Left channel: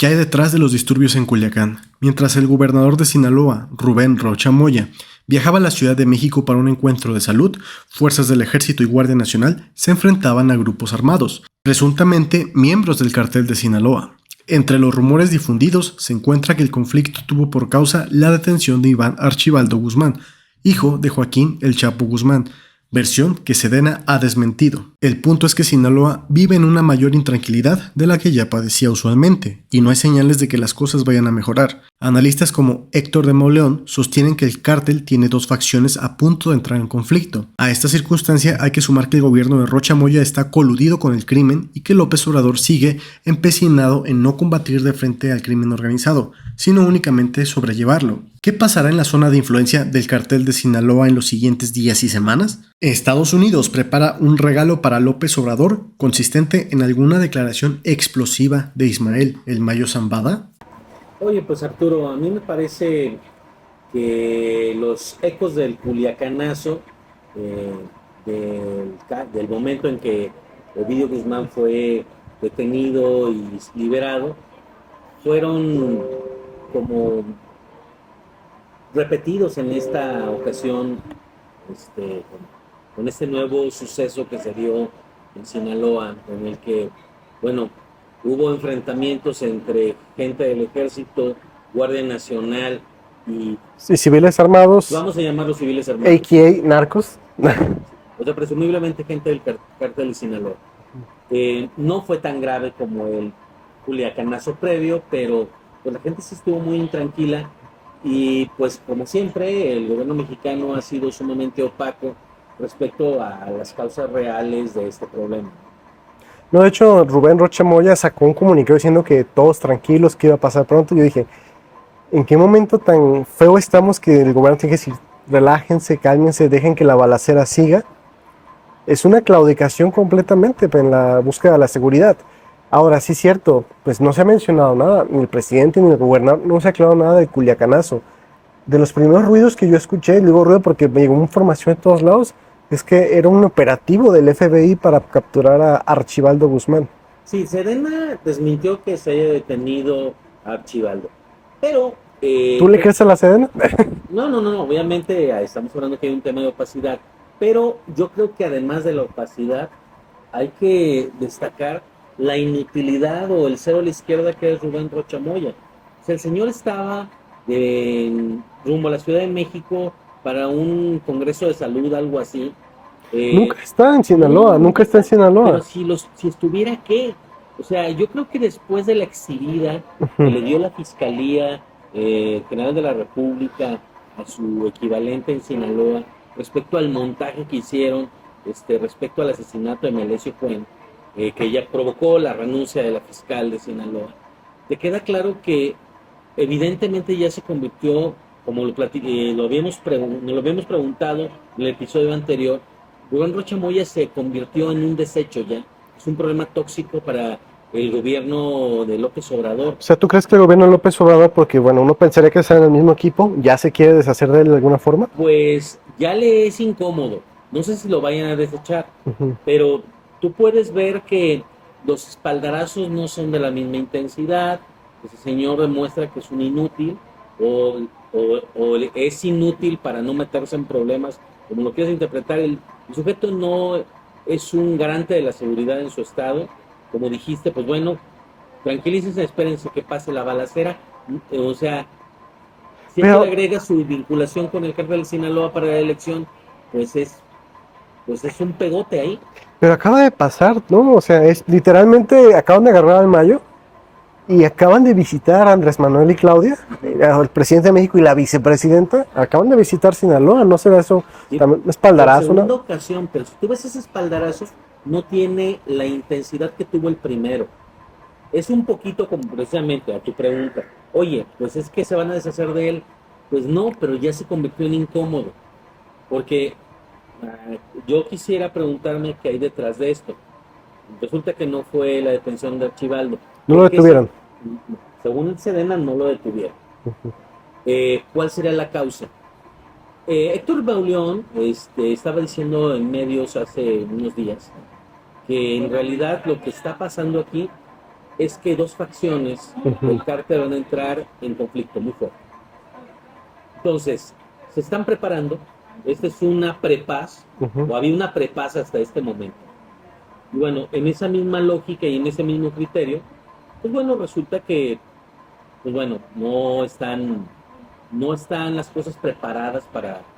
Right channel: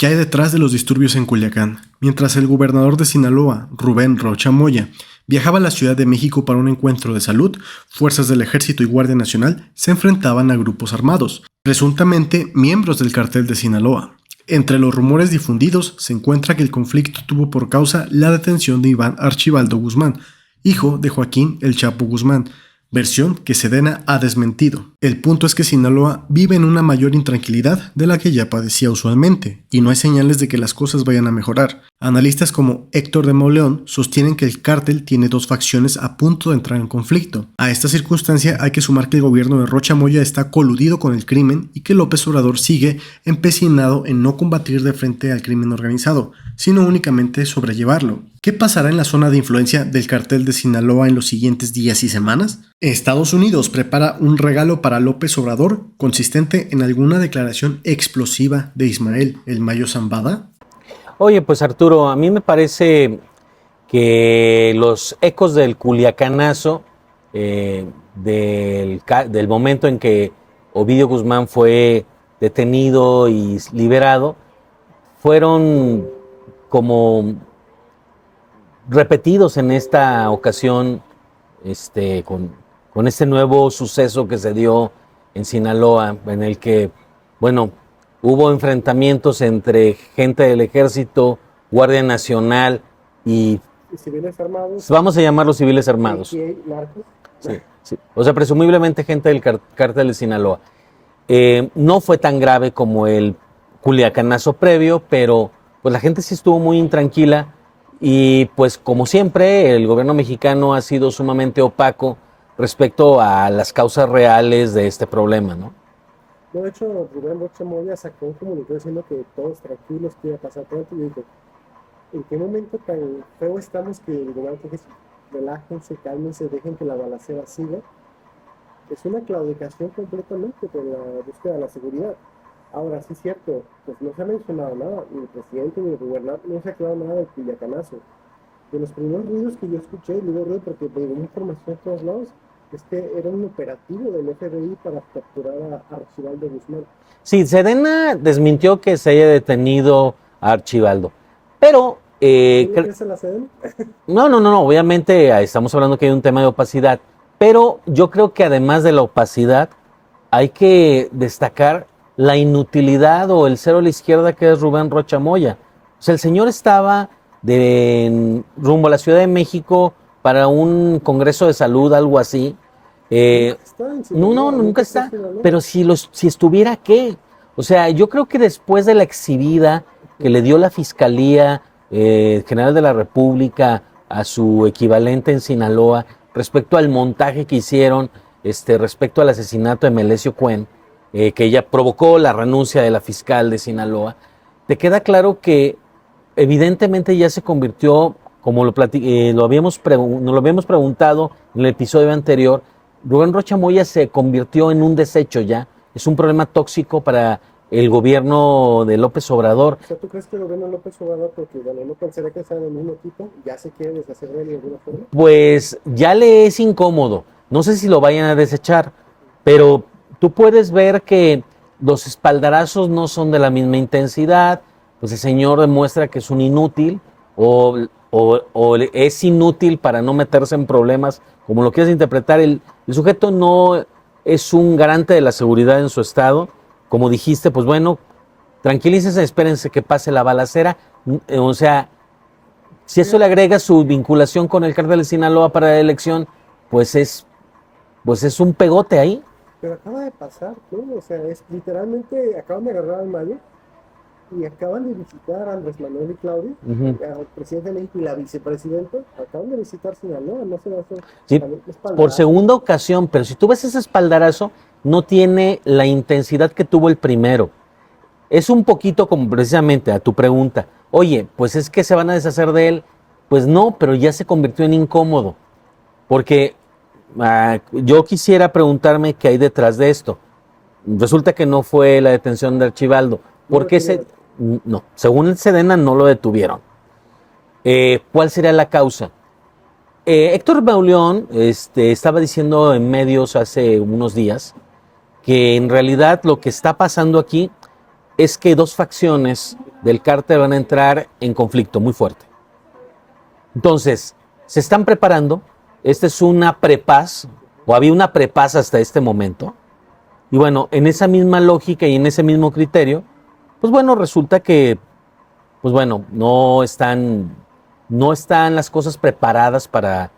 ¿Qué hay detrás de los disturbios en Culiacán? Mientras el gobernador de Sinaloa, Rubén Rocha Moya, viajaba a la Ciudad de México para un encuentro de salud, fuerzas del Ejército y Guardia Nacional se enfrentaban a grupos armados, presuntamente miembros del Cártel de Sinaloa. Entre los rumores difundidos se encuentra que el conflicto tuvo por causa la detención de Iván Archibaldo Guzmán, hijo de Joaquín El Chapo Guzmán, versión que Sedena ha desmentido. El punto es que Sinaloa vive en una mayor intranquilidad de la que ya padecía usualmente, y no hay señales de que las cosas vayan a mejorar. Analistas como Héctor de Mauleón sostienen que el cártel tiene dos facciones a punto de entrar en conflicto. A esta circunstancia hay que sumar que el gobierno de Rocha Moya está coludido con el crimen y que López Obrador sigue empecinado en no combatir de frente al crimen organizado, sino únicamente sobrellevarlo. ¿Qué pasará en la zona de influencia del cártel de Sinaloa en los siguientes días y semanas? Estados Unidos prepara un regalo para López Obrador consistente en alguna declaración explosiva de Ismael El Mayo Zambada. Oye, pues Arturo, a mí me parece que los ecos del culiacanazo, del momento en que Ovidio Guzmán fue detenido y liberado, fueron como repetidos en esta ocasión con este nuevo suceso que se dio en Sinaloa, en el que, bueno, hubo enfrentamientos entre gente del Ejército, Guardia Nacional y civiles armados. Vamos a llamarlos civiles armados. AKA narcos. Sí. O sea, presumiblemente gente del cártel de Sinaloa. No fue tan grave como el culiacanazo previo, pero pues la gente sí estuvo muy intranquila y pues como siempre el gobierno mexicano ha sido sumamente opaco respecto a las causas reales de este problema, ¿no? No, de hecho, Rubén Rocha Moya sacó un comunicado diciendo que todos tranquilos, que iba a pasar pronto. Yo dije, ¿en qué momento tan feo estamos que el gobierno tiene que decir, relájense, cálmense, dejen que la balacera siga? Es una claudicación completamente en la búsqueda de la seguridad. Ahora, sí es cierto, pues no se ha mencionado nada, ni el presidente ni el gobernador, no se ha aclarado nada del culiacanazo. De los primeros ruidos que yo escuché, digo ruido porque me llegó información de todos lados, es que era un operativo del FBI para capturar a Archibaldo Guzmán. Sí, Sedena desmintió que se haya detenido a Archibaldo, pero... ¿Tú le crees a la Sedena? No, obviamente estamos hablando que hay un tema de opacidad, pero yo creo que además de la opacidad hay que destacar la inutilidad o el cero a la izquierda que es Rubén Rocha Moya. O sea, el señor estaba rumbo a la Ciudad de México para un congreso de salud, algo así. Nunca está en Sinaloa, nunca está en Sinaloa. Pero si estuviera, ¿qué? O sea, yo creo que después de la exhibida que le dio la Fiscalía General de la República a su equivalente en Sinaloa, respecto al montaje que hicieron, respecto al asesinato de Melesio Cuen, que ya provocó la renuncia de la fiscal de Sinaloa, te queda claro que evidentemente ya se convirtió, como nos lo habíamos preguntado en el episodio anterior, Rubén Rocha Moya se convirtió en un desecho ya, es un problema tóxico para el gobierno de López Obrador. O sea, ¿tú crees que el gobierno de López Obrador, porque bueno, uno pensaría que están en el mismo equipo, ya se quiere deshacer de él de alguna forma? Pues ya le es incómodo, no sé si lo vayan a desechar, pero tú puedes ver que los espaldarazos no son de la misma intensidad, pues el señor demuestra que es un inútil o es inútil para no meterse en problemas, como lo quieras interpretar. El sujeto no es un garante de la seguridad en su estado. Como dijiste, pues bueno, tranquilícense, espérense que pase la balacera. O sea, si eso le agrega su vinculación con el cártel de Sinaloa para la elección, pues es un pegote ahí. Pero acaba de pasar, ¿no? O sea, es literalmente acaban de agarrar al Mayo y acaban de visitar a Andrés Manuel y Claudia, el presidente de México y la vicepresidenta, acaban de visitar Sinaloa, ¿no será eso? Sí, un espaldarazo. Por segunda ¿no? ocasión, pero si tú ves ese espaldarazo, no tiene la intensidad que tuvo el primero. Es un poquito como precisamente a tu pregunta, oye, pues es que se van a deshacer de él. Pues no, pero ya se convirtió en incómodo, porque yo quisiera preguntarme qué hay detrás de esto. Resulta que no fue la detención de Archibaldo. ¿No lo detuvieron? No, según el Sedena no lo detuvieron. ¿Cuál sería la causa? Héctor Bauleón estaba diciendo en medios hace unos días que en realidad lo que está pasando aquí es que dos facciones del cártel van a entrar en conflicto muy fuerte. Entonces, se están preparando. Esta es una prepaz, o había una prepaz hasta este momento. Y bueno, en esa misma lógica y en ese mismo criterio, pues bueno, resulta que, pues bueno, no están las cosas preparadas para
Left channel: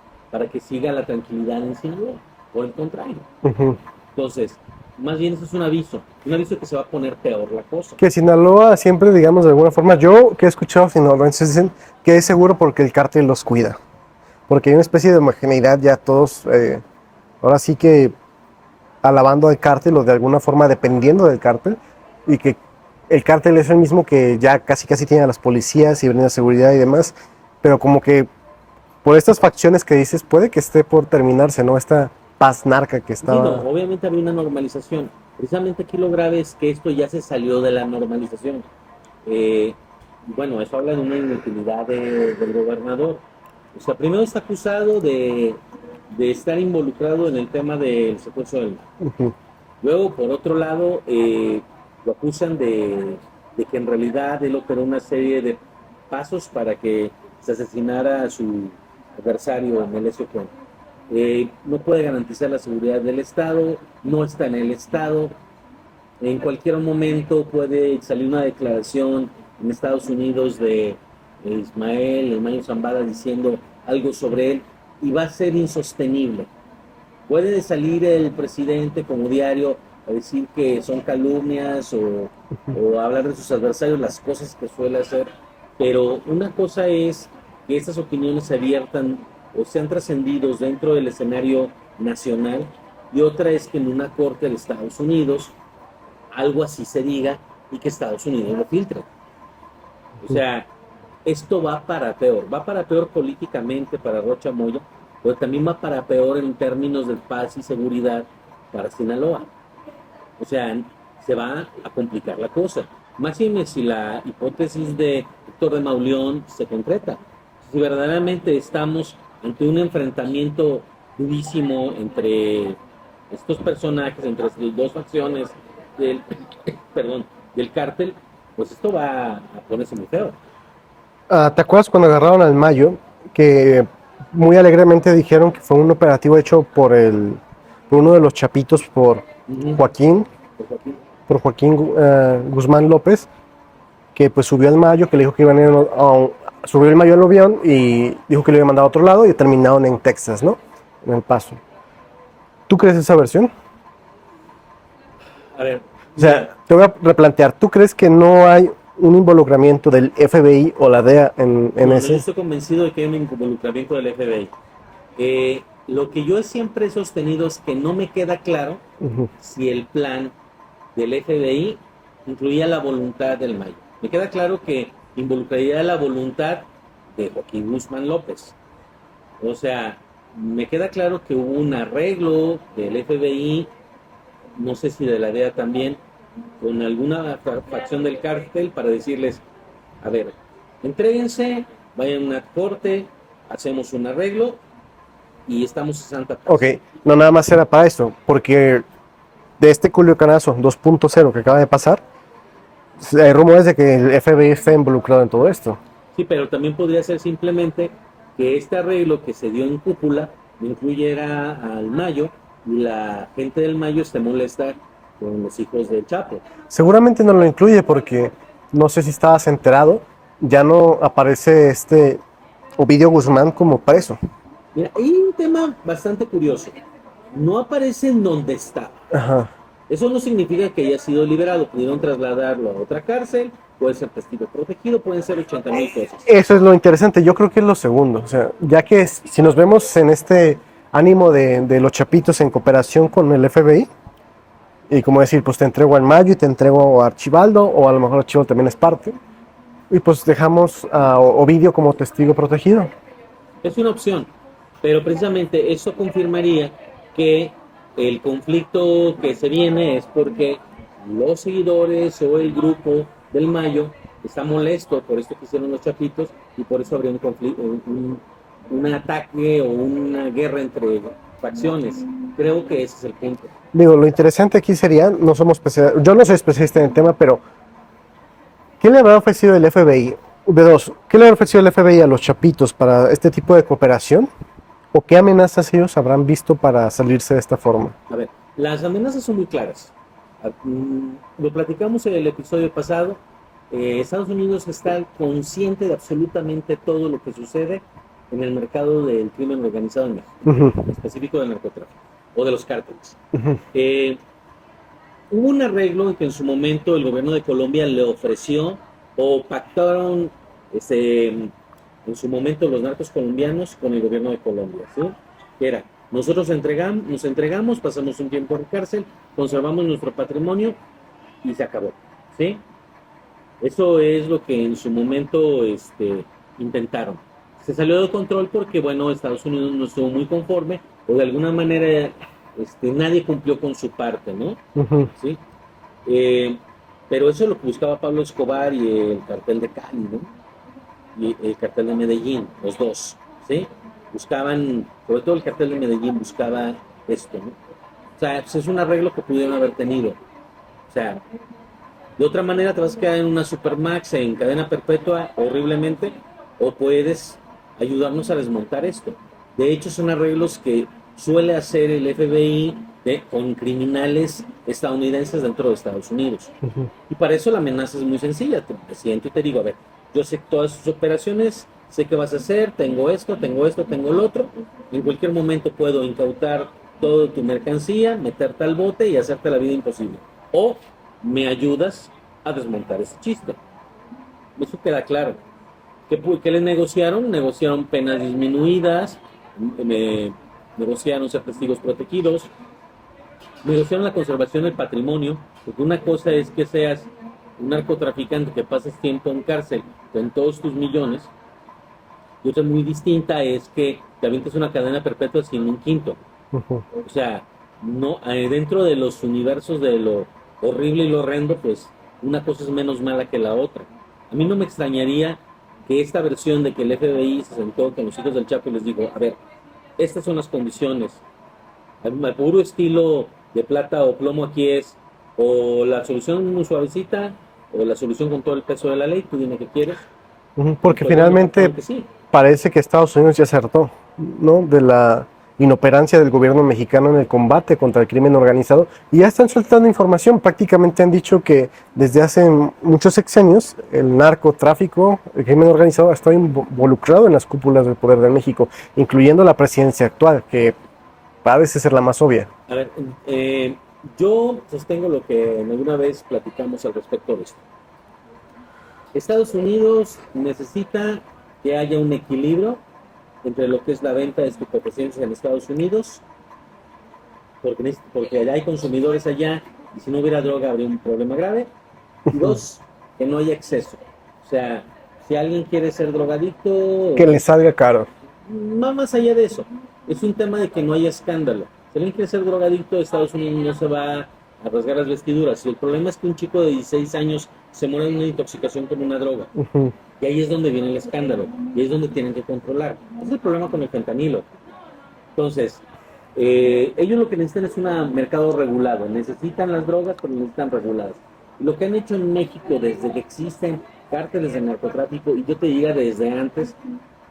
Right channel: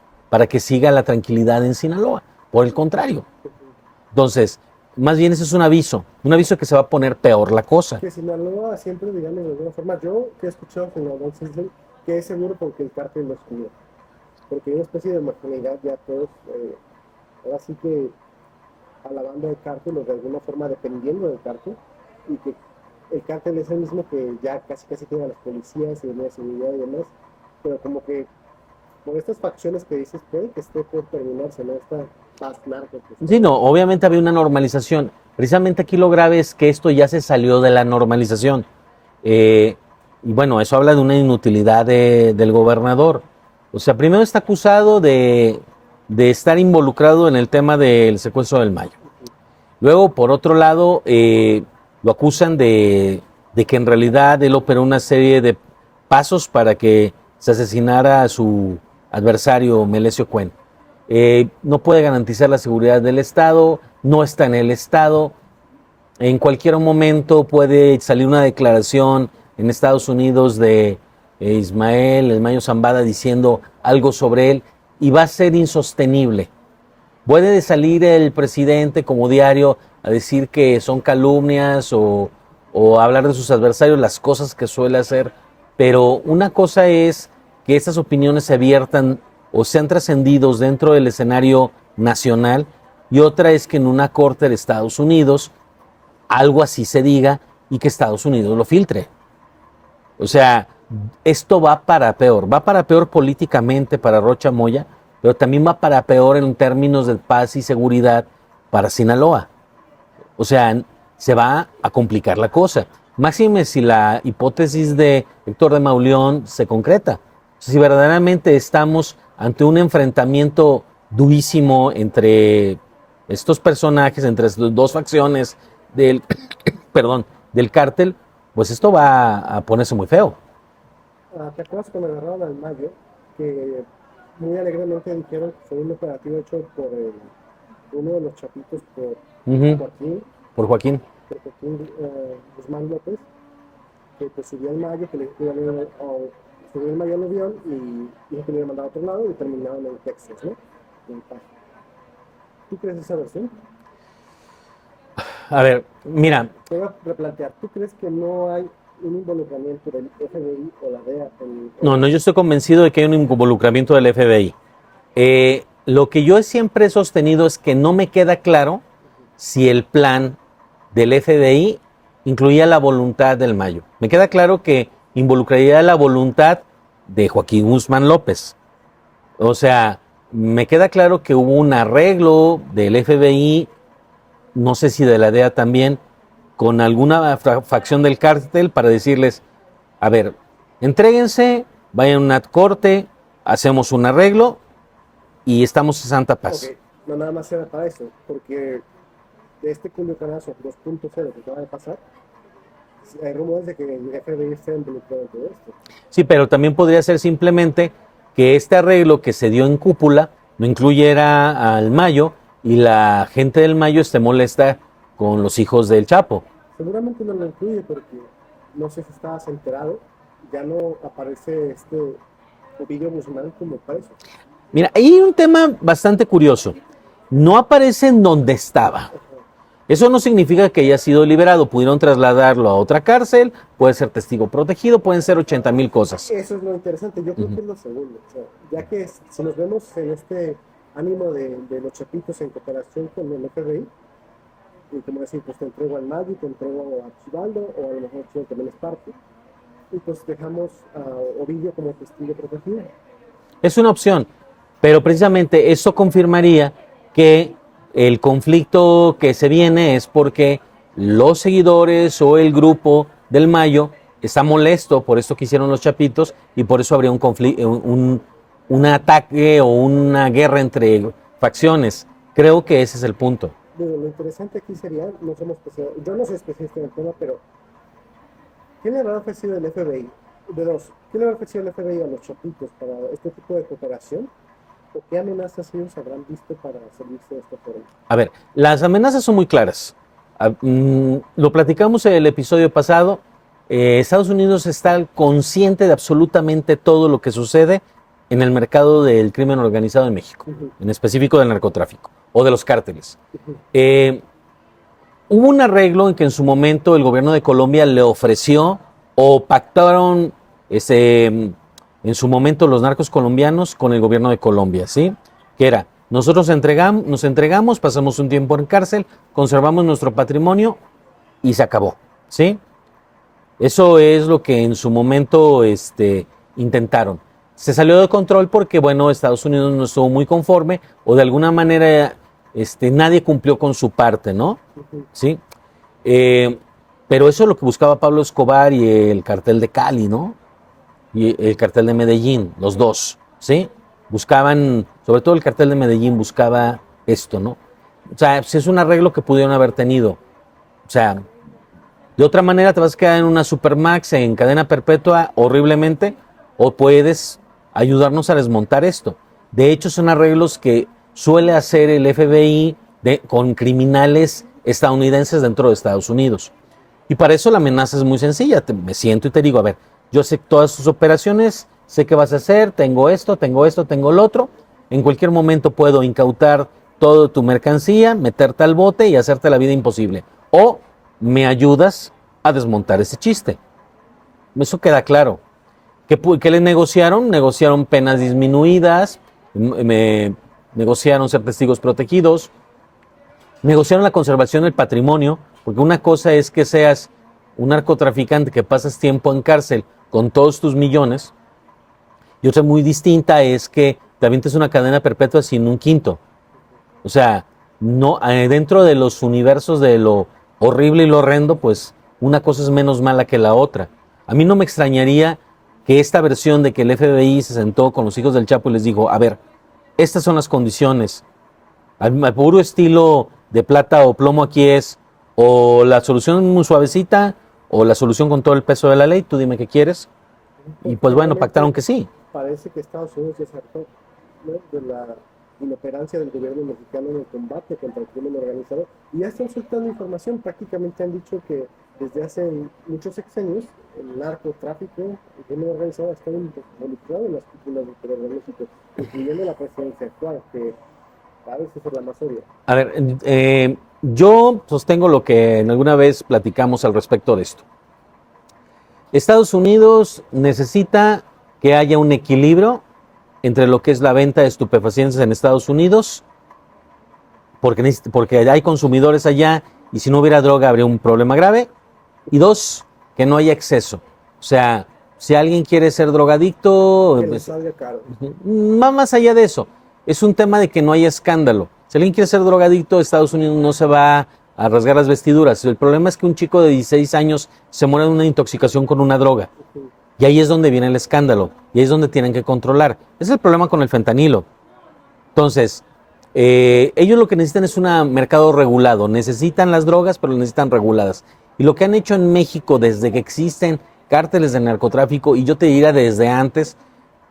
que siga la tranquilidad en Sinaloa. Por el contrario. Entonces, más bien ese es un aviso que se va a poner peor la cosa. Que Sinaloa siempre, digamos, de alguna forma, yo que he escuchado sinaloenses dicen que es seguro porque el cártel los cuida. Porque hay una especie de homogeneidad ya todos, ahora sí que alabando al cártel o de alguna forma dependiendo del cártel, y que el cártel es el mismo que ya casi tiene a las policías y brinda seguridad y demás, pero como que por estas facciones que dices puede que esté por terminarse, ¿no? Esta paz narca que está... Sí, no, obviamente había una normalización. Precisamente aquí lo grave es que esto ya se salió de la normalización. Y bueno, eso habla de una inutilidad del gobernador. O sea, primero está acusado de estar involucrado en el tema del secuestro del Mayo. Luego, por otro lado, lo acusan de que en realidad él operó una serie de pasos para que se asesinara a su adversario, Melesio Cuen. No puede garantizar la seguridad del Estado, no está en el Estado. En cualquier momento puede salir una declaración en Estados Unidos de Ismael, el Mayo Zambada, diciendo algo sobre él y va a ser insostenible. Puede salir el presidente como diario a decir que son calumnias o hablar de sus adversarios, las cosas que suele hacer, pero una cosa es que estas opiniones se abiertan o sean trascendidos dentro del escenario nacional, y otra es que en una corte de Estados Unidos algo así se diga y que Estados Unidos lo filtre. O sea, esto va para peor políticamente para Rocha Moya, pero también va para peor en términos de paz y seguridad para Sinaloa. O sea, se va a complicar la cosa. Máxime si la hipótesis de Héctor de Mauleón se concreta. Si verdaderamente estamos ante un enfrentamiento durísimo entre estos personajes, entre las dos facciones del cártel, pues esto va a ponerse muy feo. ¿Te acuerdas cuando agarraron al Mayo? Que muy alegremente dijeron que fue un operativo hecho por uno de los chapitos, por Joaquín. Por Joaquín. Por Joaquín Guzmán López, que pues subió al Mayo, que le dijo que iban a ir subió el Mayo al avión y dijo que lo iba a mandar a otro lado y terminaron en Texas, ¿no? En El Paso. ¿Tú crees esa versión? A ver, mira. O sea, te voy a replantear. ¿Tú crees que no hay un involucramiento del FBI o la DEA en No, yo estoy convencido de que hay un involucramiento del FBI. Lo que yo siempre he sostenido es que no me queda claro si el plan del FBI incluía la voluntad del Mayo. Me queda claro que involucraría la voluntad de Joaquín Guzmán López. O sea, me queda claro que hubo un arreglo del FBI, no sé si de la DEA también, con alguna facción del cártel para decirles, a ver, entréguense, vayan a una corte, hacemos un arreglo y estamos en santa paz. Ok, no nada más era para eso, porque de este Culiacanazo 2.0 que acaba de pasar, hay rumores de que el FBI está involucrado en todo esto. Sí, pero también podría ser simplemente que este arreglo que se dio en cúpula no incluyera al Mayo y la gente del Mayo esté molesta con los hijos del Chapo. Seguramente no lo incluye porque, no sé si estabas enterado, ya no aparece Ovidio Guzmán como preso. Mira, hay un tema bastante curioso. No aparece en donde estaba. Ajá. Eso no significa que haya sido liberado. Pudieron trasladarlo a otra cárcel, puede ser testigo protegido, pueden ser 80,000 cosas. Eso es lo interesante. Yo creo que es lo segundo. O sea, ya que si nos vemos en este ánimo de los chapitos en cooperación con el FBI, y como decir, pues te entrego al Mayo y te entrego a Archibaldo, o a lo mejor Archibaldo también es parte, y pues dejamos a Ovidio como testigo protegido. Es una opción, pero precisamente eso confirmaría que el conflicto que se viene es porque los seguidores o el grupo del Mayo está molesto por esto que hicieron los chapitos y por eso habría un conflicto, un ataque o una guerra entre facciones. Creo que ese es el punto. Digo, lo interesante aquí sería, yo no soy especialista en el tema, pero ¿Qué le habrá ofrecido el FBI? B2, ¿qué le habrá ofrecido el FBI a los chapitos para este tipo de cooperación? ¿O qué amenazas ellos habrán visto para salirse de esta forma? A ver, las amenazas son muy claras. Lo platicamos en el episodio pasado. Estados Unidos está consciente de absolutamente todo lo que sucede en el mercado del crimen organizado en México, en específico del narcotráfico o de los cárteles. Hubo un arreglo en que en su momento el gobierno de Colombia le ofreció o pactaron en su momento los narcos colombianos con el gobierno de Colombia, ¿sí? Que era, nosotros nos entregamos, pasamos un tiempo en cárcel, conservamos nuestro patrimonio y se acabó, ¿sí? Eso es lo que en su momento intentaron. Se salió de control porque, bueno, Estados Unidos no estuvo muy conforme o de alguna manera nadie cumplió con su parte, ¿no? ¿Sí? Pero eso es lo que buscaba Pablo Escobar y el cartel de Cali, ¿no? Y el cartel de Medellín, los dos, ¿sí? Buscaban, sobre todo el cartel de Medellín buscaba esto, ¿no? O sea, es un arreglo que pudieron haber tenido. O sea, de otra manera te vas a quedar en una Supermax en cadena perpetua horriblemente, o puedes ayudarnos a desmontar esto. De hecho, son arreglos que suele hacer el FBI con criminales estadounidenses dentro de Estados Unidos. Y para eso la amenaza es muy sencilla. Me siento y te digo, a ver, yo sé todas tus operaciones, sé qué vas a hacer, tengo esto, tengo lo otro. En cualquier momento puedo incautar toda tu mercancía, meterte al bote y hacerte la vida imposible. O me ayudas a desmontar ese chiste. Eso queda claro. ¿Qué le negociaron? Negociaron penas disminuidas, negociaron ser testigos protegidos, negociaron la conservación del patrimonio, porque una cosa es que seas un narcotraficante que pasas tiempo en cárcel con todos tus millones, y otra muy distinta es que te avientes una cadena perpetua sin un quinto. O sea, no, dentro de los universos de lo horrible y lo horrendo, pues una cosa es menos mala que la otra. A mí no me extrañaría que esta versión de que el FBI se sentó con los hijos del Chapo y les dijo, a ver, estas son las condiciones. Al puro estilo de plata o plomo aquí es o la solución muy suavecita o la solución con todo el peso de la ley. Tú dime qué quieres. Porque pues, finalmente bueno, que sí. Parece que Estados Unidos ya acertó, ¿no? De la inoperancia del gobierno mexicano en el combate contra el crimen organizado, y ya están soltando información. Prácticamente han dicho que desde hace muchos sexenios el narcotráfico, el crimen organizado ha estado involucrado en las cúpulas del poder de México, incluyendo la presidencia actual, que parece ser la más obvia. A ver, yo sostengo lo que alguna vez platicamos al respecto de esto. Estados Unidos necesita que haya un equilibrio entre lo que es la venta de estupefacientes en Estados Unidos, porque hay consumidores allá y si no hubiera droga habría un problema grave. Y dos, que no haya exceso. O sea, si alguien quiere ser drogadicto... Que le salga caro. Más allá de eso, es un tema de que no haya escándalo. Si alguien quiere ser drogadicto, Estados Unidos no se va a rasgar las vestiduras. El problema es que un chico de 16 años se muere de una intoxicación con una droga. Y ahí es donde viene el escándalo. Y ahí es donde tienen que controlar. Ese es el problema con el fentanilo. Entonces, ellos lo que necesitan es un mercado regulado. Necesitan las drogas, pero las necesitan reguladas. Y lo que han hecho en México desde que existen cárteles de narcotráfico, y yo te diría desde antes,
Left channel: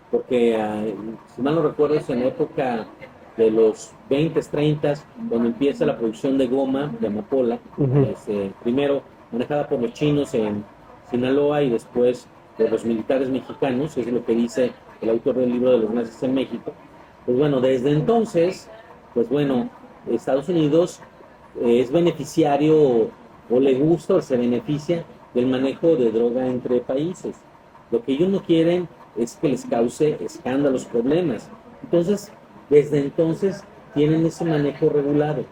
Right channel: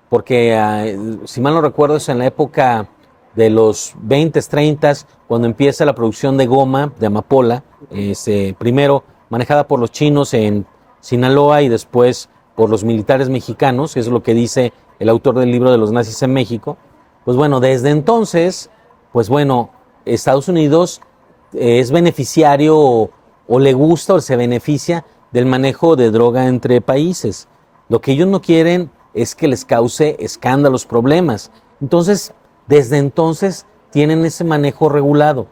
porque si mal no recuerdo es en la época de los 20s, 30s, cuando empieza la producción de goma, de amapola, primero manejada por los chinos en Sinaloa y después por los militares mexicanos, que es lo que dice el autor del libro de los nazis en México. Pues bueno, desde entonces, pues bueno, Estados Unidos es beneficiario o le gusta o se beneficia del manejo de droga entre países. Lo que ellos no quieren es que les cause escándalos, problemas. Entonces, desde entonces tienen ese manejo regulado.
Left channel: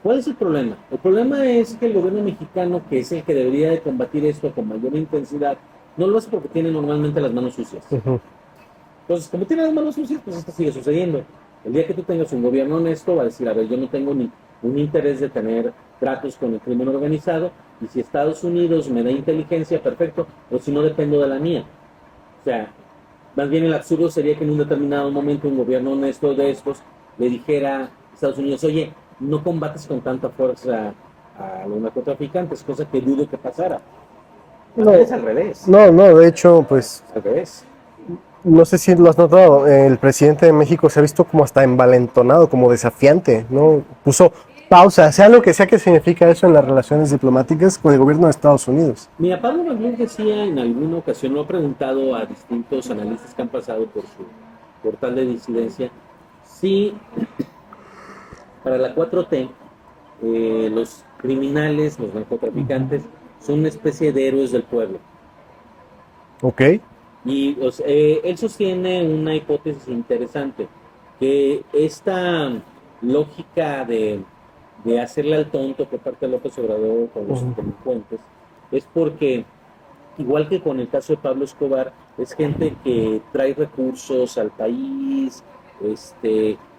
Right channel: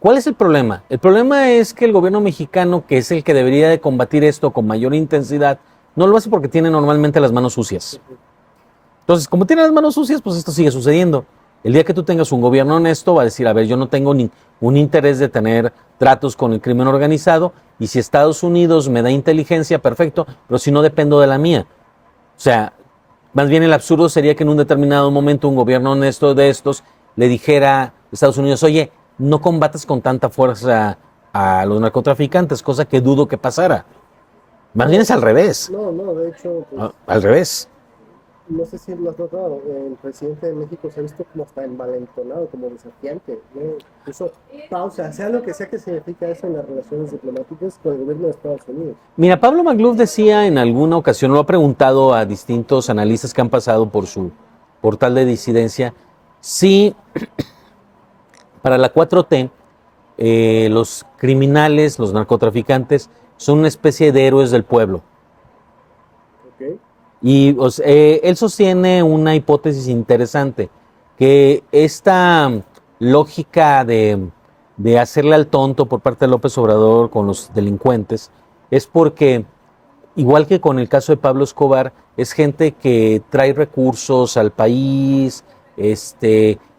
¿Cuál es el problema? El problema es que el gobierno mexicano, que es el que debería de combatir esto con mayor intensidad, no lo hace porque tiene normalmente las manos sucias. Entonces, como tiene las manos sucias, pues esto sigue sucediendo. El día que tú tengas un gobierno honesto, va a decir, a ver, yo no tengo un interés de tener tratos con el crimen organizado, y si Estados Unidos me da inteligencia, perfecto, pero si no, dependo de la mía. O sea, más bien el absurdo sería que en un determinado momento un gobierno honesto de estos le dijera a Estados Unidos, oye, no combates con tanta fuerza a los narcotraficantes, cosa que dudo que pasara. Más bien es al revés. No, de hecho, pues, Al revés. no sé si lo has notado, el presidente de México se ha visto como hasta envalentonado, como desafiante, ¿no? Puso pausa, sea lo que sea que significa eso en las relaciones diplomáticas con el gobierno de Estados Unidos. Mira, Pablo Magluf decía en alguna ocasión, lo ha preguntado a distintos analistas que han pasado por su portal de disidencia, si para la 4T los criminales, los narcotraficantes, son una especie de héroes del pueblo. ¿Ok? Y él sostiene una hipótesis interesante, que esta lógica de hacerle al tonto por parte de López Obrador con los delincuentes es porque, igual que con el caso de Pablo Escobar, es gente que trae recursos al país,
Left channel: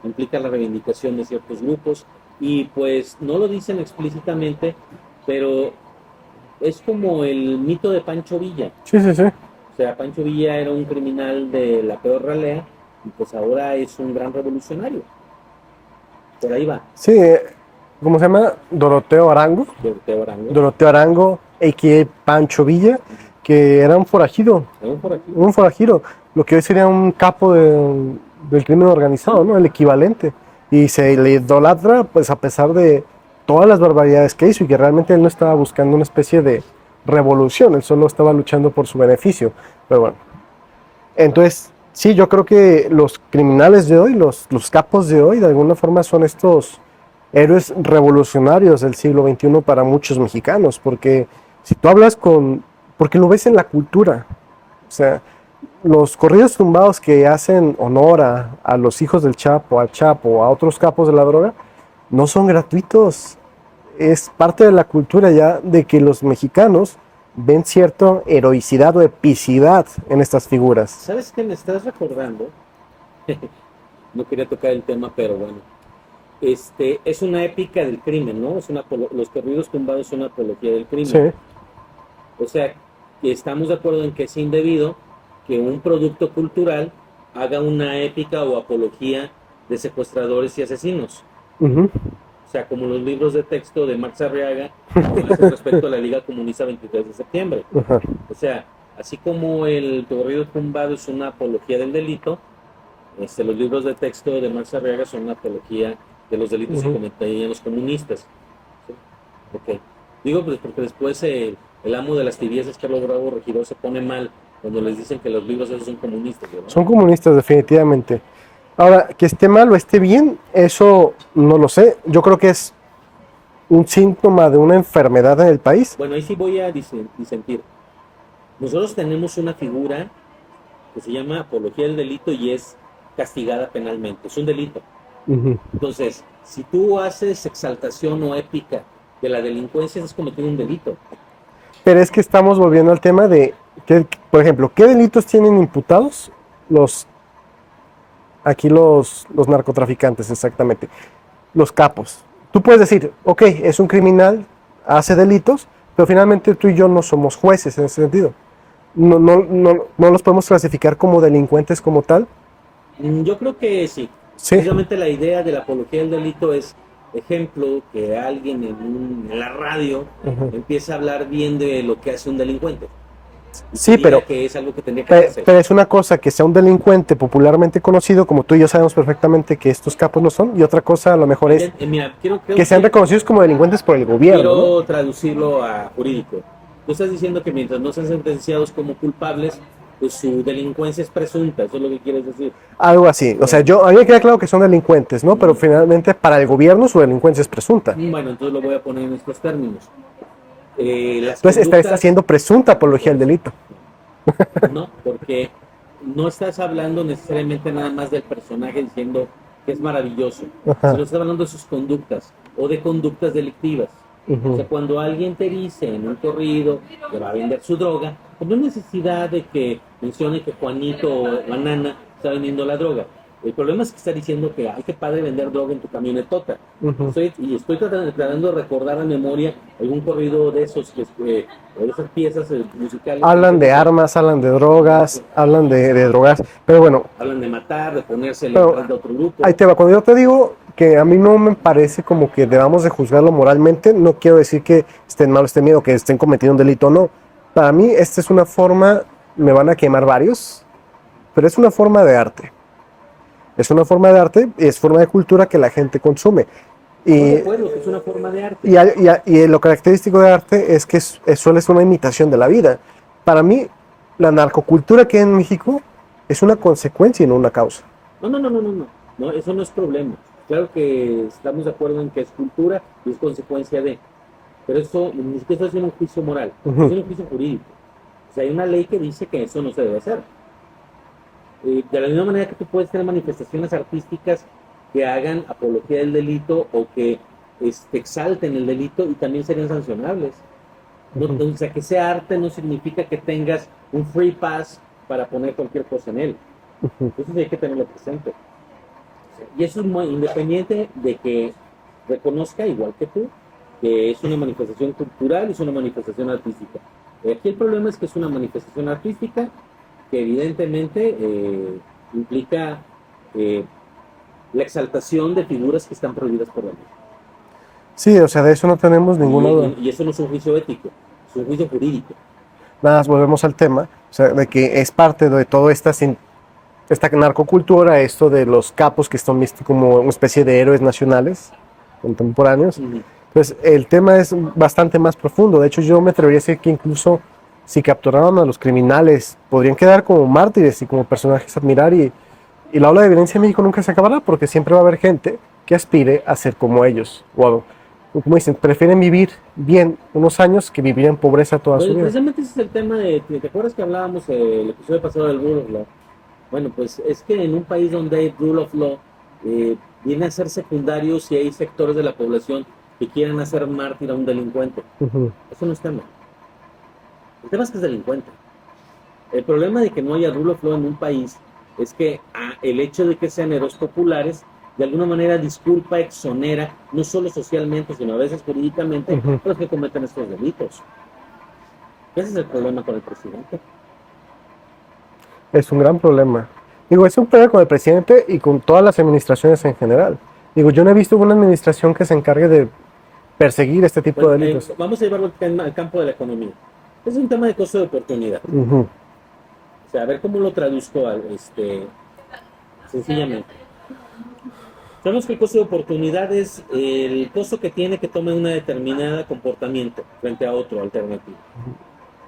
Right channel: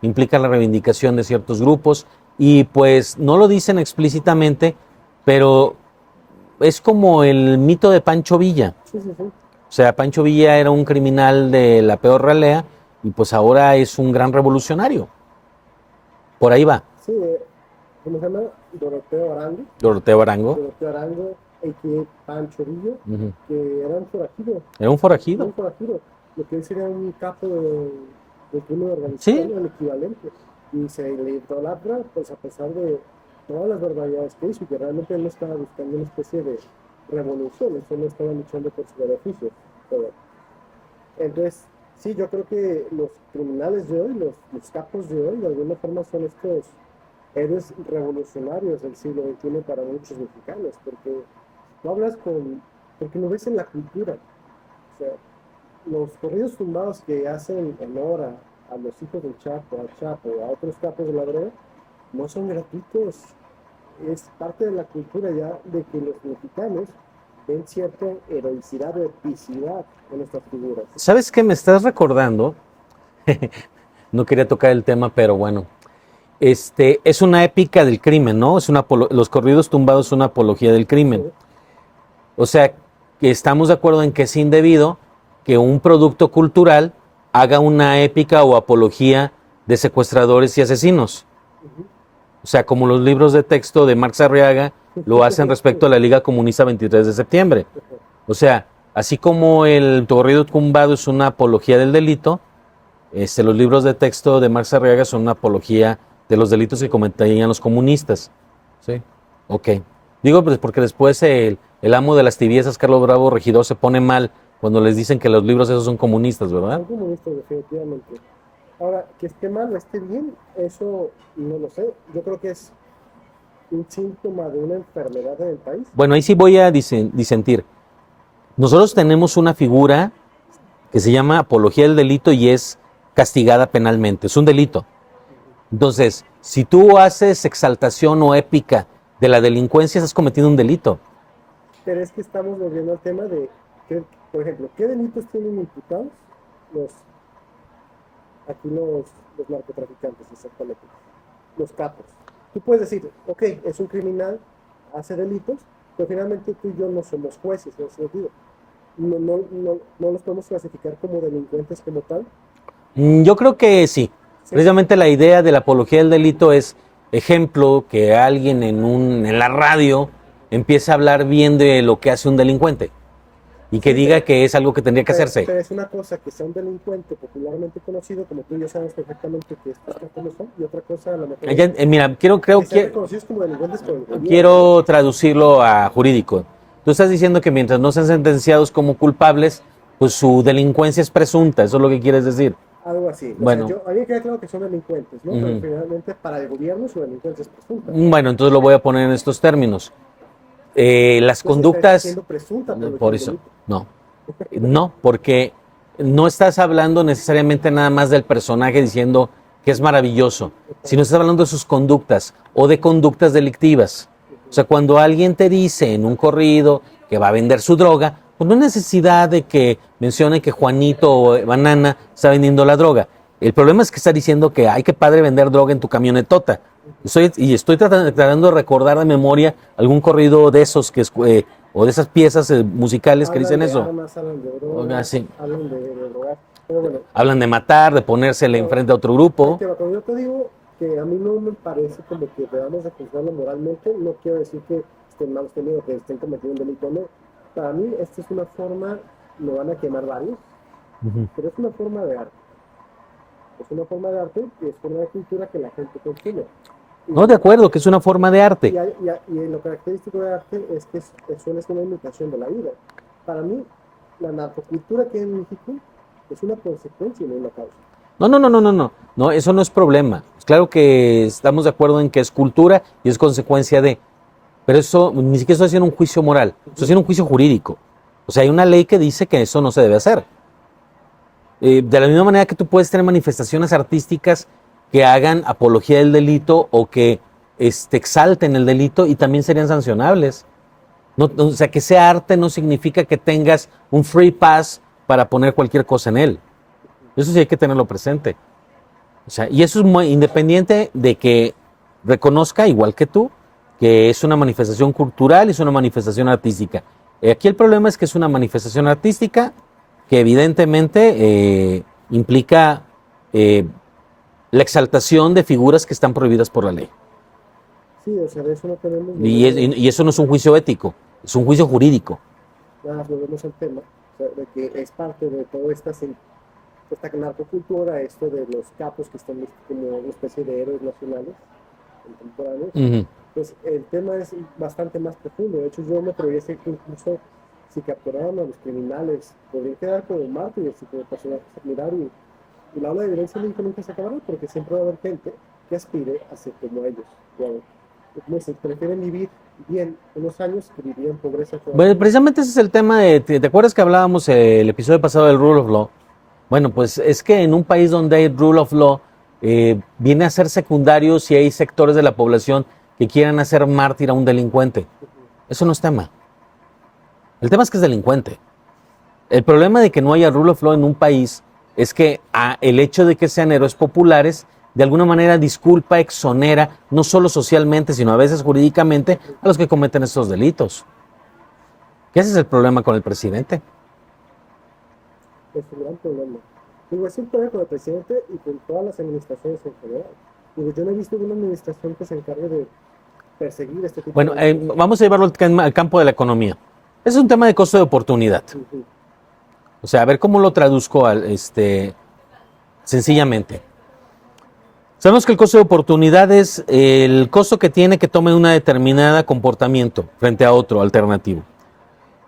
implica la reivindicación de ciertos grupos y pues no lo dicen explícitamente, pero es como el mito de Pancho Villa. Sí. O sea, Pancho Villa era un criminal de la peor ralea y pues ahora es un gran revolucionario. Por ahí va. Sí, ¿cómo se llama? Doroteo Arango. Doroteo Arango. Doroteo Arango, a.k.a. Pancho Villa, que era un forajido. Era un forajido. Un forajido, lo que hoy sería un capo del crimen organizado, Sí. ¿no? El equivalente. Y se le idolatra, pues a pesar de todas las barbaridades que hizo y que realmente él no estaba buscando una especie de revolución, él solo estaba luchando por su beneficio. Pero bueno, entonces, sí, yo creo que los criminales de hoy, los capos de hoy, de alguna forma son estos héroes revolucionarios del siglo XXI para muchos mexicanos, porque si tú hablas porque lo ves en la cultura, o sea, los corridos tumbados que hacen honor a los hijos del Chapo, al Chapo, a otros capos de la droga, no son gratuitos. Es parte de la cultura ya de que los mexicanos ven cierta heroicidad o epicidad en estas figuras. ¿Sabes qué me estás recordando? No quería tocar el tema, pero bueno. Es una épica del crimen, ¿no? Los corridos tumbados son una apología del crimen. Sí. O sea, que estamos de acuerdo en que es indebido que un producto cultural haga una épica o apología de secuestradores y asesinos. Ujú. O sea, como los libros de texto de Marx Arriaga lo hacen respecto a la Liga Comunista 23 de septiembre. Ajá. O sea, así como el corrido tumbado es una apología del delito, los libros de texto de Marx Arriaga son una apología de los delitos que cometían los comunistas. Sí. Ok. Digo, pues porque después el amo de las tibiezas, Carlos Bravo Regidor, se pone mal cuando les dicen que los libros esos son comunistas, ¿verdad? Son comunistas, definitivamente. Ahora, que esté mal o esté bien, eso no lo sé. Yo creo que es un síntoma de una enfermedad en el país. Bueno, ahí sí voy a disentir. Nosotros tenemos una figura que se llama apología del delito y es castigada penalmente. Es un delito. Ujú. Entonces, si tú haces exaltación o épica de la delincuencia, estás cometiendo un delito. Pero es que estamos volviendo al tema de, por ejemplo, ¿qué delitos tienen imputados los narcotraficantes exactamente? Los capos. Tú puedes decir, ok, es un criminal, hace delitos, pero finalmente tú y yo no somos jueces en ese sentido. No los podemos clasificar como delincuentes como tal. Yo creo que sí. Sí. Precisamente la idea de la apología del delito es, ejemplo, que alguien en la radio empiece a hablar bien de lo que hace un delincuente y que Sí, diga pero- que es algo que tendría que hacerse. Pero es una cosa que sea un delincuente popularmente conocido, como tú y yo sabemos perfectamente que estos capos no son, y otra cosa a lo mejor es Mira, creo que sean que reconocidos como delincuentes por el gobierno. quiero traducirlo a jurídico. Tú estás diciendo que mientras no sean sentenciados como culpables, pues su delincuencia es presunta. Eso es lo que quieres decir. Algo así. O sea, Bueno. a mí me queda claro que son delincuentes, ¿no? Pero Ujú. finalmente para el gobierno su delincuencia es presunta. Bueno, entonces lo voy a poner en estos términos. Las Entonces conductas... está haciendo presunta apología Por al eso, delito. No, no, porque no estás hablando necesariamente nada más del personaje diciendo que es maravilloso, Ajá. sino estás hablando de sus conductas o de conductas delictivas. Ujú. O sea, cuando alguien te dice en un corrido que va a vender su droga, pues no hay necesidad de que mencione que Juanito o Banana está vendiendo la droga. El problema es que está diciendo que hay que padre vender droga en tu camionetota. Ujú. Estoy tratando de recordar de memoria algún corrido de esos o de esas piezas musicales que Hablan dicen de eso. armas, hablan de drogas, Sí. hablan de drogas. Pero bueno, Hablan de matar, de ponérsele Pero enfrente a otro grupo. ahí te va. Cuando yo te digo que a mí no me parece como que debamos de juzgarlo moralmente, no quiero decir que estén mal o estén bien o que estén cometiendo un delito o no. Para mí, esta es una forma, me van a quemar varios, pero es una forma de arte. Es una forma de arte y es forma de cultura que la gente consume. Y, No, de acuerdo, que es una forma de arte. y lo característico de arte es que suele ser una imitación de la vida. Para mí, la narcocultura que hay en México es una consecuencia y no una causa. No, no, no, no, no, no. No, eso no es problema. Claro que estamos de acuerdo en que es cultura y es consecuencia de. Pero eso ni siquiera estoy haciendo un juicio moral, estoy haciendo un juicio jurídico. O sea, hay una ley que dice que eso no se debe hacer. De la misma manera que tú puedes tener manifestaciones artísticas que hagan apología del delito o que exalten el delito y también serían sancionables. O sea, que sea arte no significa que tengas un free pass para poner cualquier cosa en él. Eso sí hay que tenerlo presente. O sea, y eso es muy independiente de que reconozca, igual que tú, que es una manifestación cultural y es una manifestación artística. Aquí el problema es que es una manifestación artística que evidentemente implica la exaltación de figuras que están prohibidas por la ley. Sí, o sea, de eso no tenemos ninguna duda. Y eso no es un juicio ético, es un juicio jurídico. Nada más volvemos al tema, o sea, de que es parte de toda esta narcocultura, esto de los capos que están vistos como una especie de héroes nacionales contemporáneos. Pues el tema es bastante más profundo. De hecho, yo me atrevería a decir que incluso si capturaron a los criminales, podrían quedar como mártires y como personajes a admirar. Y la ola de violencia en México nunca se acabará porque siempre va a haber gente que aspire a ser como ellos. O como dicen, prefieren vivir bien unos años que vivir en pobreza toda su vida. Precisamente ese es el tema de, ¿te acuerdas que hablábamos el episodio pasado del Rule of Law? Bueno, pues es que en un país donde hay Rule of Law, viene a ser secundario si hay sectores de la población que quieran hacer mártir a un delincuente. Eso no es tema. El tema es que es delincuente. El problema de que no haya Rule of Law en un país es que el hecho de que sean héroes populares de alguna manera disculpa, exonera, no solo socialmente, sino a veces jurídicamente, a los que cometen estos delitos. Y ese es el problema con el presidente. Es un gran problema. Digo, es un problema con el presidente y con todas las administraciones en general. Digo, yo no he visto una administración que se encargue de perseguir este tipo de delitos. Vamos a llevarlo al campo de la economía. Es un tema de costo de oportunidad. O sea, a ver cómo lo traduzco sencillamente. Sabemos que el costo de oportunidad es el costo que tiene que tome una determinada comportamiento frente a otro alternativo.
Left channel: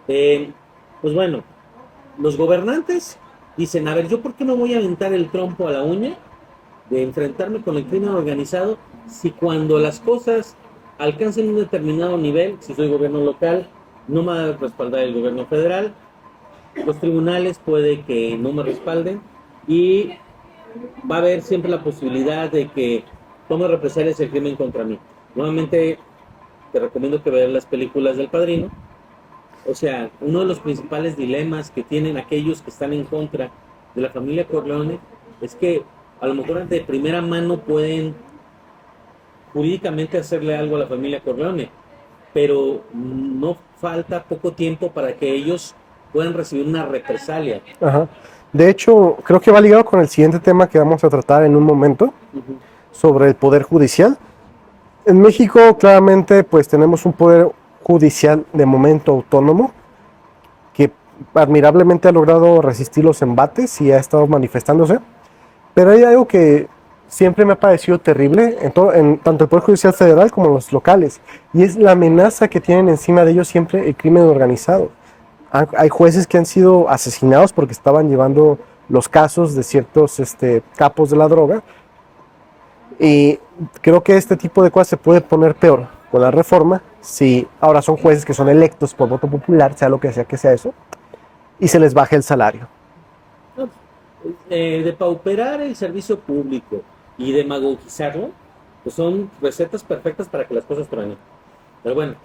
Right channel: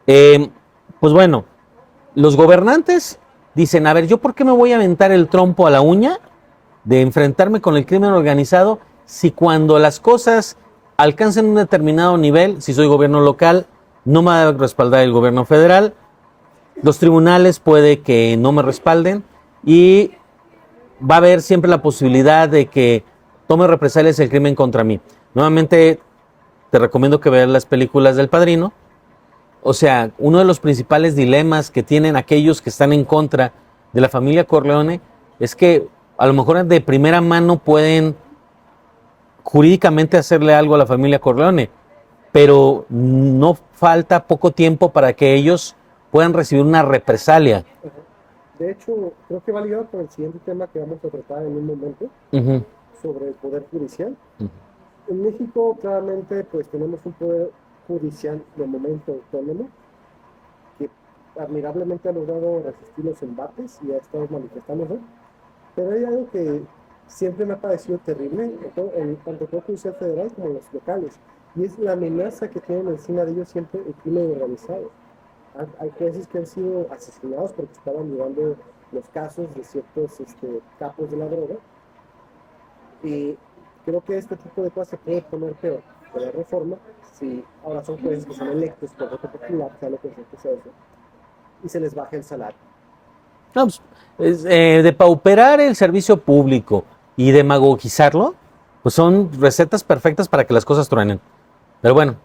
Pues bueno, los gobernantes dicen, a ver, ¿yo por qué me voy a aventar el trompo a la uña de enfrentarme con el crimen organizado si cuando las cosas alcancen un determinado nivel, si soy gobierno local, no me va a respaldar el gobierno federal, los tribunales puede que no me respalden y va a haber siempre la posibilidad de que tome represalias el crimen contra mí? Nuevamente, te recomiendo que veas las películas del Padrino. O sea, uno de los principales dilemas que tienen aquellos que están en contra de la familia Corleone es que a lo mejor de primera mano pueden jurídicamente hacerle algo a la familia Corleone, pero no falta poco tiempo para que ellos puedan recibir una represalia. Ajá. De hecho, creo que va ligado con el siguiente tema que vamos a tratar en un momento, sobre el poder judicial. En México, claramente, pues tenemos un poder judicial de momento autónomo que admirablemente ha logrado resistir los embates y ha estado manifestándose, pero hay algo que siempre me ha parecido terrible en tanto el Poder Judicial Federal como los locales, y es la amenaza que tienen encima de ellos siempre el crimen organizado. Hay jueces que han sido asesinados porque estaban llevando los casos de ciertos capos de la droga, y creo que este tipo de cosas se puede poner peor con la reforma si ahora son jueces que son electos por voto popular, sea lo que sea eso, y se les baje el salario. No, pues, depauperar el servicio público y demagogizarlo, pues son recetas perfectas para que las cosas truenen. Pero bueno,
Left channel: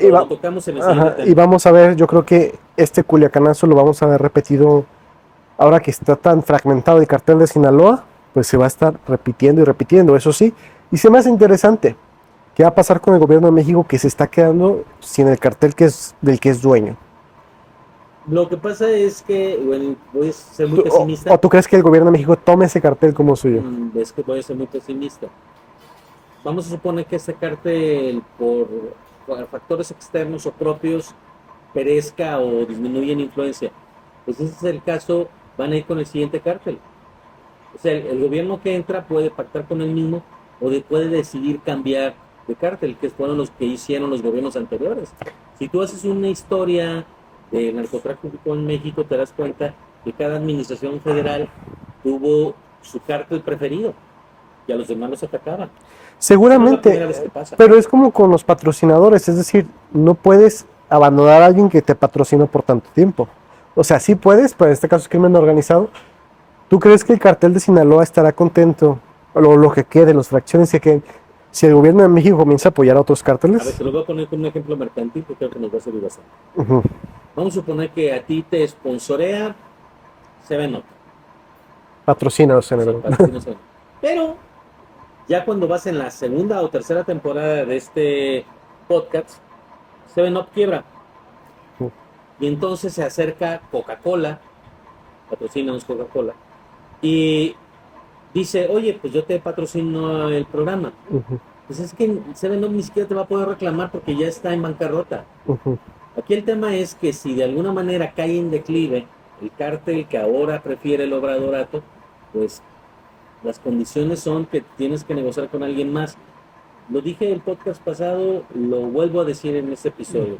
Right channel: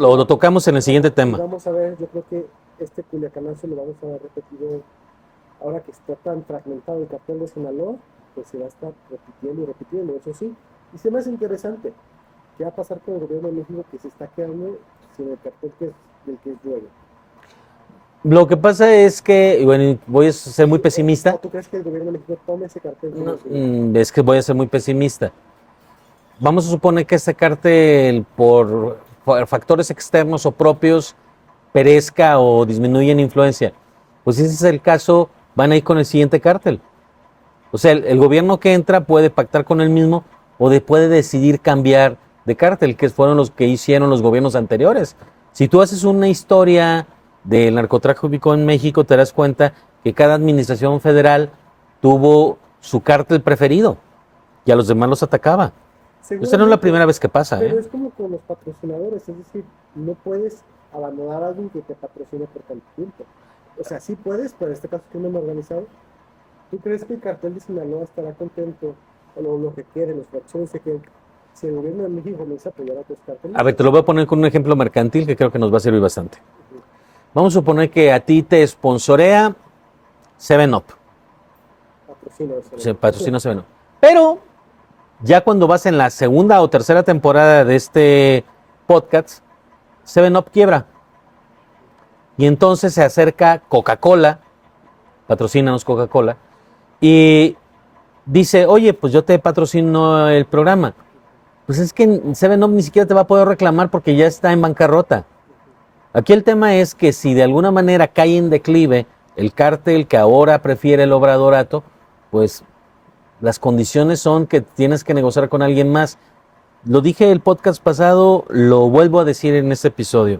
lo tocamos en el siguiente tema. Y vamos a ver, yo creo que este culiacanazo lo vamos a ver repetido ahora que está tan fragmentado el cartel de Sinaloa, pues se va a estar repitiendo y repitiendo, eso sí. Y se me hace interesante, ¿qué va a pasar con el gobierno de México que se está quedando sin el cartel del que es dueño? Lo que pasa es que, bueno, voy a ser muy pesimista. ¿O tú crees que el gobierno de México tome ese cartel como suyo? Es que voy a ser muy pesimista. Vamos a suponer que este cártel, por factores externos o propios, perezca o disminuye en influencia. Pues si ese es el caso, van a ir con el siguiente cártel. O sea, el gobierno que entra puede pactar con él mismo o puede decidir cambiar de cártel, que fueron los que hicieron los gobiernos anteriores. Si tú haces una historia del narcotráfico en México, te das cuenta que cada administración federal tuvo su cártel preferido y a los demás los atacaba. Seguramente, Esa no es la primera vez que pasa. pero es como con los patrocinadores, es decir, no puedes abandonar a alguien que te patrocinó por tanto tiempo. O sea, sí puedes, pero en este caso es crimen organizado. ¿Tú crees que el cartel de Sinaloa estará contento, o lo que quede, las fracciones que queden, si el gobierno de México comienza a apoyar a otros cárteles? A ver, te lo voy a poner con un ejemplo mercantil que creo que nos va a servir bastante. Ujú. Vamos a suponer que a ti te sponsorea 7-Up. Patrocina, o sea, Se patrocina 7-Up. Pero ya cuando vas en la segunda o tercera temporada de este podcast, 7-Up quiebra. Y entonces se acerca Coca-Cola, patrocínanos Coca-Cola, y dice, oye, pues yo te patrocino el programa. Ujú, Pues es que 7-Up ni siquiera te va a poder reclamar porque ya está en bancarrota. ujú. Aquí el tema es que si de alguna manera cae en declive el cártel que ahora prefiere el obradorato, pues las condiciones son que tienes que negociar con alguien más. Lo dije el podcast pasado, lo vuelvo a decir en este episodio.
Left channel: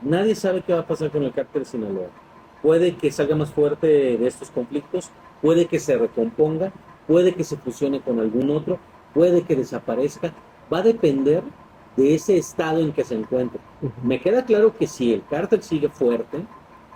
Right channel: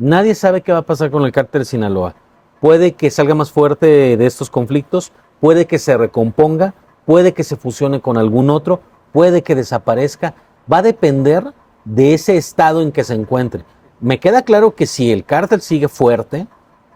Nadie sabe qué va a pasar con el cártel de Sinaloa. Puede que salga más fuerte de estos conflictos, puede que se recomponga, puede que se fusione con algún otro, puede que desaparezca. Va a depender de ese estado en que se encuentre. Me queda claro que si el cártel sigue fuerte,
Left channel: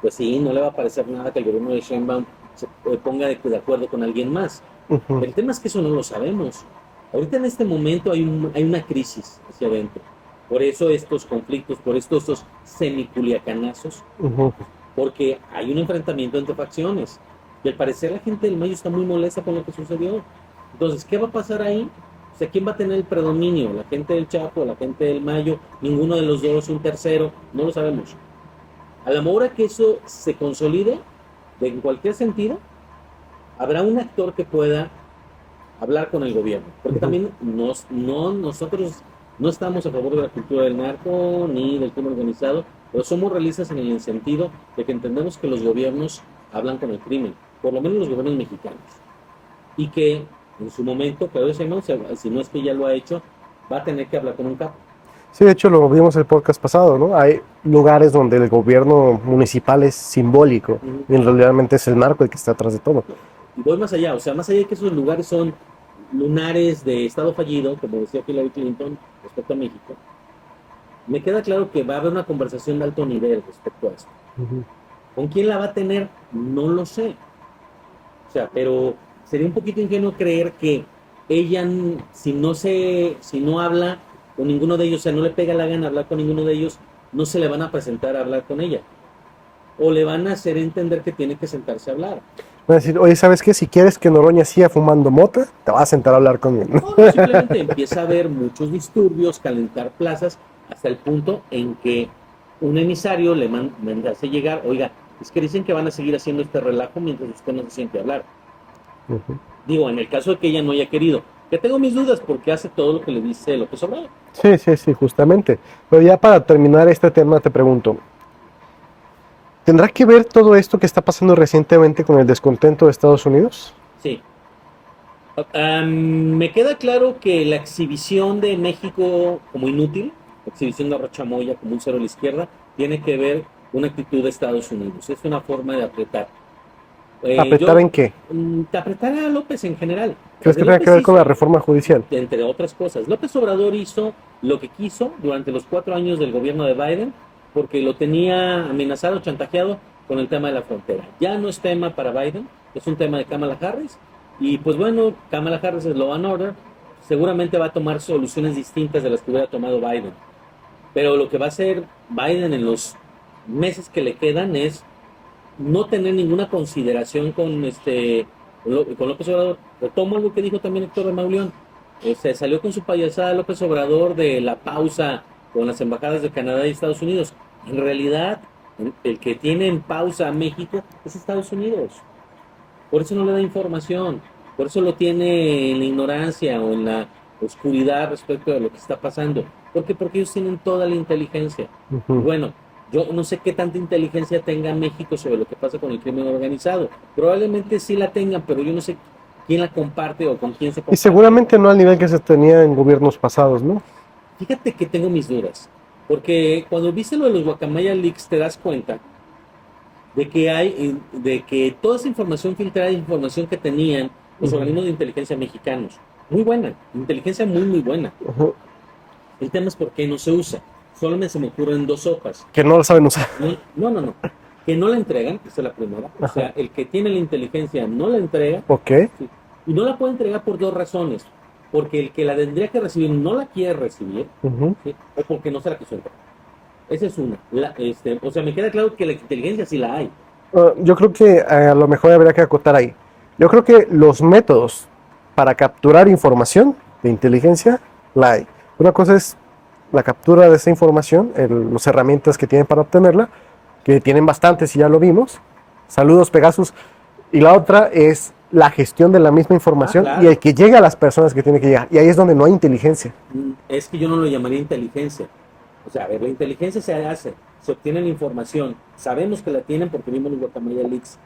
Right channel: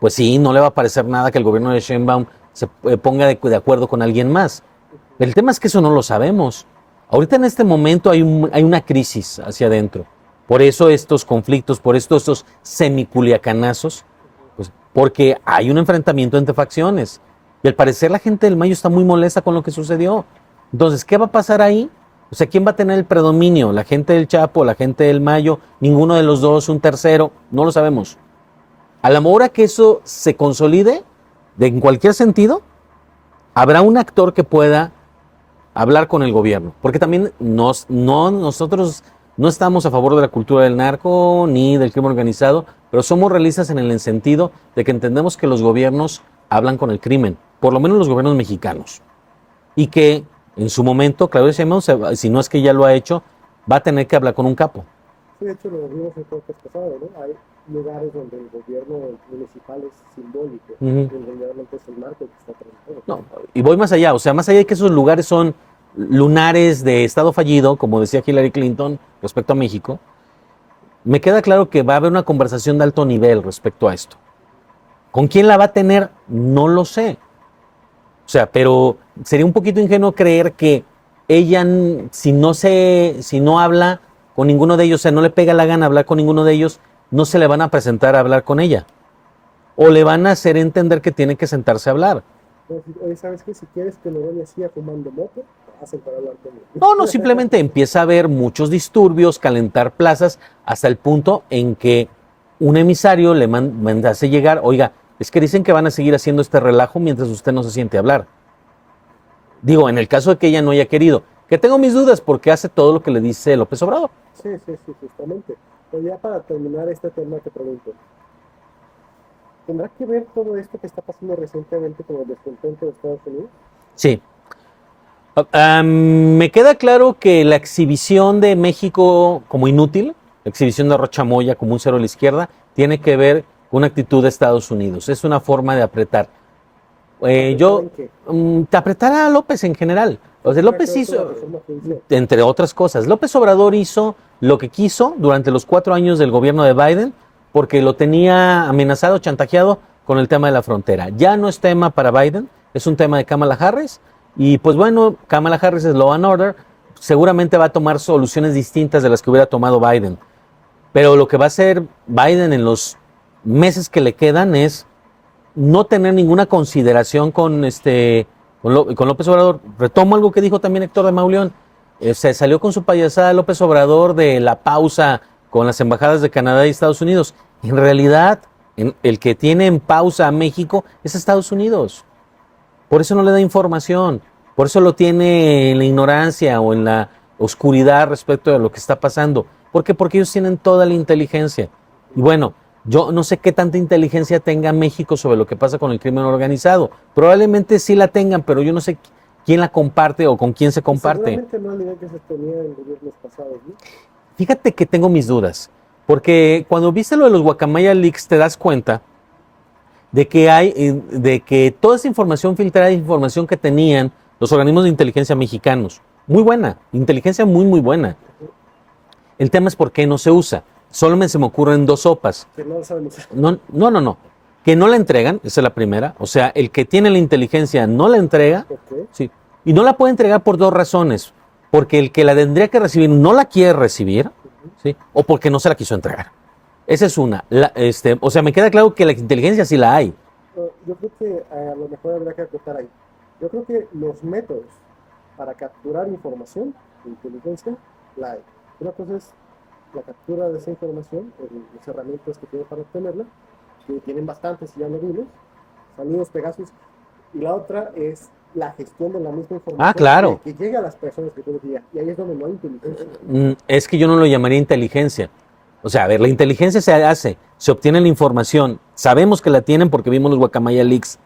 pues sí, no le va a parecer nada que el gobierno de Sheinbaum se ponga de acuerdo con alguien más. Ujú. El tema es que eso no lo sabemos. Ahorita en este momento hay una crisis hacia adentro. Por eso estos conflictos, por estos semiculiacanazos, Ujú. pues, porque hay un enfrentamiento entre facciones. Y al parecer la gente del Mayo está muy molesta con lo que sucedió. Entonces, ¿qué va a pasar ahí? O sea, ¿quién va a tener el predominio? ¿La gente del Chapo, la gente del Mayo? ¿Ninguno de los dos? ¿Un tercero? No lo sabemos. A la hora que eso se consolide, en cualquier sentido, habrá un actor que pueda hablar con el gobierno. Porque también nosotros no estamos a favor de la cultura del narco ni del crimen organizado, pero somos realistas en el sentido de que entendemos que los gobiernos hablan con el crimen, por lo menos los gobiernos mexicanos. Y que en su momento, Claudia Sheinbaum, si no es que ya lo ha hecho, va a tener que hablar con un capo. Sí, de hecho lo vimos el podcast pasado, ¿no? Hay lugares donde el gobierno municipal es simbólico Ujú. y realmente es el narco el que está atrás de todo. No, y voy más allá, o sea, más allá de que esos lugares son lunares de estado fallido, como decía Hillary Clinton respecto a México, me queda claro que va a haber una conversación de alto nivel respecto a esto. Ujú. ¿Con quién la va a tener? No lo sé. O sea, pero sería un poquito ingenuo creer que ella, si no habla con ninguno de ellos, o sea, no le pega la gana hablar con ninguno de ellos, no se le van a presentar a hablar con ella. O le van a hacer entender que tiene que sentarse a hablar. Van a decir, oye, ¿sabes qué? Si quieres que Noroña siga fumando mota, te vas a sentar a hablar conmigo. No, simplemente empieza a haber muchos disturbios, calentar plazas, hasta el punto en que un emisario le hace llegar, oiga, es que dicen que van a seguir haciendo este relajo mientras usted no se siente a hablar. Ujú. Digo, en el caso de que ella no haya querido, que tengo mis dudas porque hace todo lo que le dice López Obrador. Sí, justamente. Pero ya para terminar este tema te pregunto, ¿tendrá que ver todo esto que está pasando recientemente con el descontento de Estados Unidos? Sí. Me queda claro que la exhibición de México como inútil, la exhibición de Rocha Moya como un cero a la izquierda, tiene que ver con una actitud de Estados Unidos. Es una forma de apretar. ¿Apretar en qué? De apretar a López en general. ¿Qué Pues de tendrá López que ver con hizo- la reforma judicial? Entre otras cosas. López Obrador hizo lo que quiso durante los 4 años del gobierno de Biden porque lo tenía amenazado, chantajeado con el tema de la frontera. Ya no es tema para Biden, es un tema de Kamala Harris. Y pues bueno, Kamala Harris es law and order. Seguramente va a tomar soluciones distintas de las que hubiera tomado Biden. Pero lo que va a hacer Biden en los meses que le quedan es no tener ninguna consideración con López Obrador. Retomo algo que dijo también Héctor de Mauleón. Se salió con su payasada López Obrador de la pausa con las embajadas de Canadá y Estados Unidos. En realidad, el que tiene en pausa a México es Estados Unidos. Por eso no le da información. Por eso lo tiene en la ignorancia o en la oscuridad respecto de lo que está pasando. ¿Por qué? Porque ellos tienen toda la inteligencia. Ujú. Y bueno, Yo no sé qué tanta inteligencia tenga México sobre lo que pasa con el crimen organizado. Probablemente sí la tengan, pero yo no sé quién la comparte o con quién se Y comparte. seguramente no al nivel que se tenía en gobiernos pasados, ¿no? Fíjate que tengo mis dudas, porque cuando viste lo de los Guacamaya Leaks te das cuenta de que toda esa información filtrada, información que tenían los organismos de inteligencia mexicanos, muy buena, inteligencia muy, muy buena. Ujú. El tema es por qué no se usa. Solo se me ocurren dos sopas. Que no lo saben usar. No. Que no la entregan, esa es la primera. O sea, el que tiene la inteligencia no la entrega. Ok. Sí. Y no la puede entregar por dos razones. Porque el que la tendría que recibir no la quiere recibir, Ujú. ¿sí? O porque no se la quiso entregar. Esa es una. O sea, me queda claro que la inteligencia sí la hay. Yo creo que a lo mejor habría que acotar ahí. Yo creo que los métodos para capturar información de inteligencia la hay. Una cosa es la captura de esa información, las herramientas que tienen para obtenerla, que tienen bastantes y ya lo vimos. Saludos, Pegasus. Y la otra es la gestión de la misma información claro. y el que llegue a las personas que tiene que llegar. Y ahí es donde no hay inteligencia. Es que yo no lo llamaría inteligencia. O sea, a ver, la inteligencia se obtiene la información. Sabemos que la tienen porque vimos los Guacamaya Leaks.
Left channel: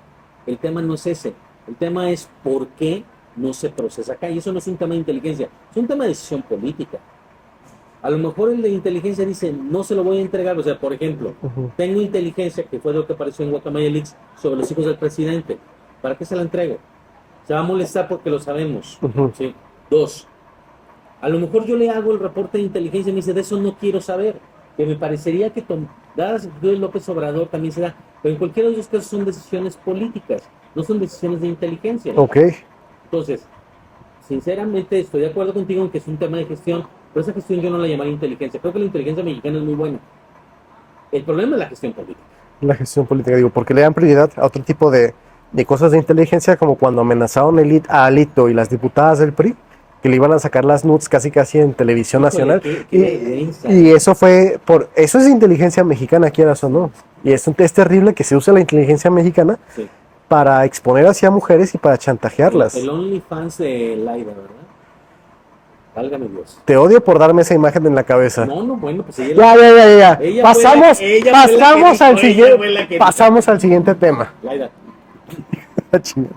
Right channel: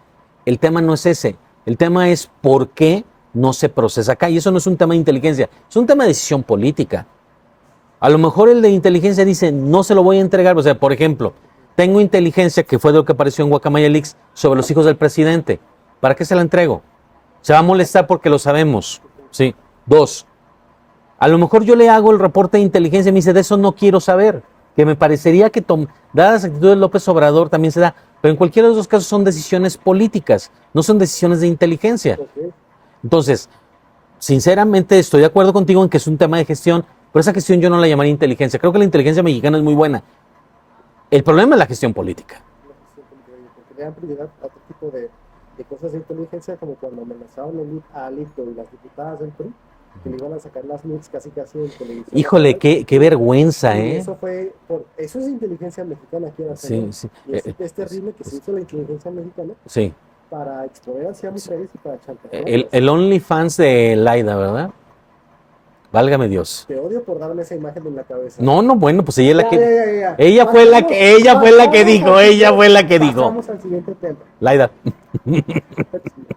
El tema no es ese. El tema es por qué no se procesa acá. Y eso no es un tema de inteligencia, es un tema de decisión política. A lo mejor el de inteligencia dice, no se lo voy a entregar. O sea, por ejemplo, tengo inteligencia, que fue de lo que apareció en Guacamaya Leaks, sobre los hijos del presidente. ¿Para qué se la entrego? Se va a molestar porque lo sabemos. Sí. Dos, a lo mejor yo le hago el reporte de inteligencia y me dice, de eso no quiero saber. Que me parecería que, dadas las actitudes de López Obrador, también se da. Pero en cualquiera de los dos casos son decisiones políticas, no son decisiones de inteligencia. Ok. Entonces, sinceramente estoy de acuerdo contigo en que es un tema de gestión, pero esa gestión yo no la llamaría inteligencia. Creo que la inteligencia mexicana es muy buena. El problema es la gestión política. La gestión política, digo, porque le dan prioridad a otro tipo de cosas de inteligencia, como cuando amenazaron a Alito y las diputadas del PRI, que le iban a sacar las nudes casi en televisión Híjole, nacional. qué vergüenza. Y eso fue eso es inteligencia mexicana, quieras o Sí, no. sí. Y es terrible que se use la inteligencia mexicana Sí. para exponer hacia mujeres y para chantajearlas. El OnlyFans de Laida, ¿verdad? Válgame Dios. Te odio por darme esa imagen en la cabeza. No, bueno, pues ella es Ya, la que... ya. Ella fue la que dijo, ella fue la que dijo. Pasamos al siguiente tema. Laida. La chingada.